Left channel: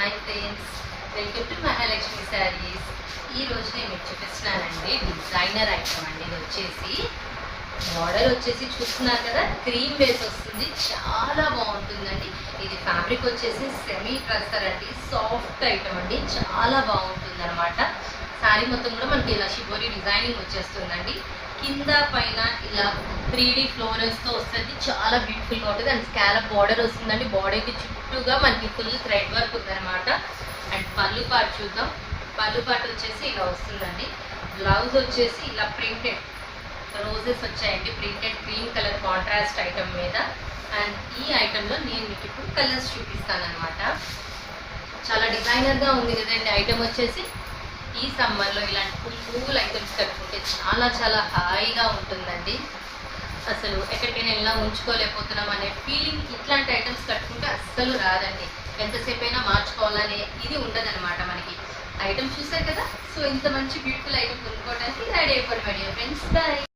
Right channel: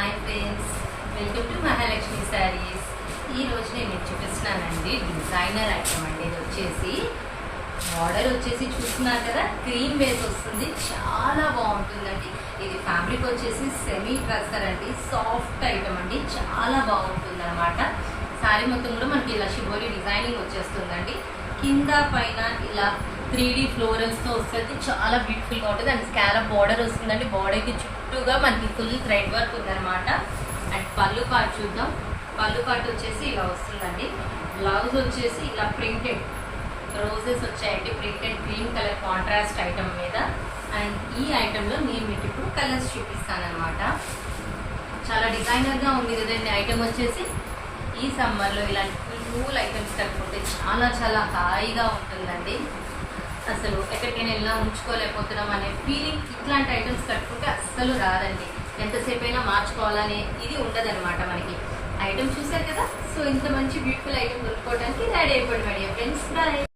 Hi friends, welcome to Mahalakshmi saris. ఈరోజు నేను మీకు చూపిస్తున్నానండి డిజైనర్ ఐటమ్ అండి. ఇది వచ్చేసి మోడల్ వచ్చేసి చూస్తున్నారు కదా, క్రీమ్ బేస్ వస్తుంది, చాలా బాగుంటుందండి. ఇది ఫ్యాబ్రిక్ వచ్చేసి సెమీ ట్రస్టర్ అండి, సాఫ్ట్ ఐటమ్ అండి, చాలా బాగుంటుంది అనమాట. శారీ మొత్తం కూడా మనకి ఇలా షిబోరి డిజైనింగ్ వచ్చేస్తుందండి. కింద పైన ఇలా 3D ఫ్లోరల్స్తో వస్తుంది, చాలా బ్యూటిఫుల్గా ఉంటుంది. అండ్ స్కాలప్ బార్డర్ వస్తుందండి. బార్డర్కి చుట్టూగా మనకి ఫుల్ థ్రెడ్ వర్క్ ఉందన్నమాట. అండ్ పళ్ళు పార్ట్ చూద్దాం. పళ్ళు పార్ట్ వచ్చేసి ఇలా వస్తుందండి. బ్లౌజ్ వచ్చేసి ఇలా ప్రింటెడ్ రోజెస్ వచ్చాయండి, printed cream colour contrast item మీద. అండ్ ఈ ఐటెంలో నేను మీకు ఇప్పుడు కలర్స్ చూపిస్తాను అనమాట. చాలా డిజైనర్గా ఉంది కదండి ఐటమ్ వచ్చేసి. ఈ సమ్మర్లో ఇలాంటి కూల్ ఐటమ్స్ కట్టుకుంటే చాలా చాలా హాయిగా ఉంటుందండి. అసలు ఎక్కడికైనా ఇలా ఉంచుకోలేకపోతున్నాం అనే ఫీలింగ్ ఇట్లాంటి ఐటమ్స్ కట్టుకుంటే అస్సలు రాదండి. ఎంతసేపు అయినా మార్చుకోవాలనే ఇది ఉండదన్నమాట మనకి. ఐటమ్ చూసారు కదా. సో ఇంత మంచి బ్యూటిఫుల్ ఐటమ్ కొనుక్కోవడానికి రెడీ అయిపోయి ఫ్రెండ్స్. బాయ్.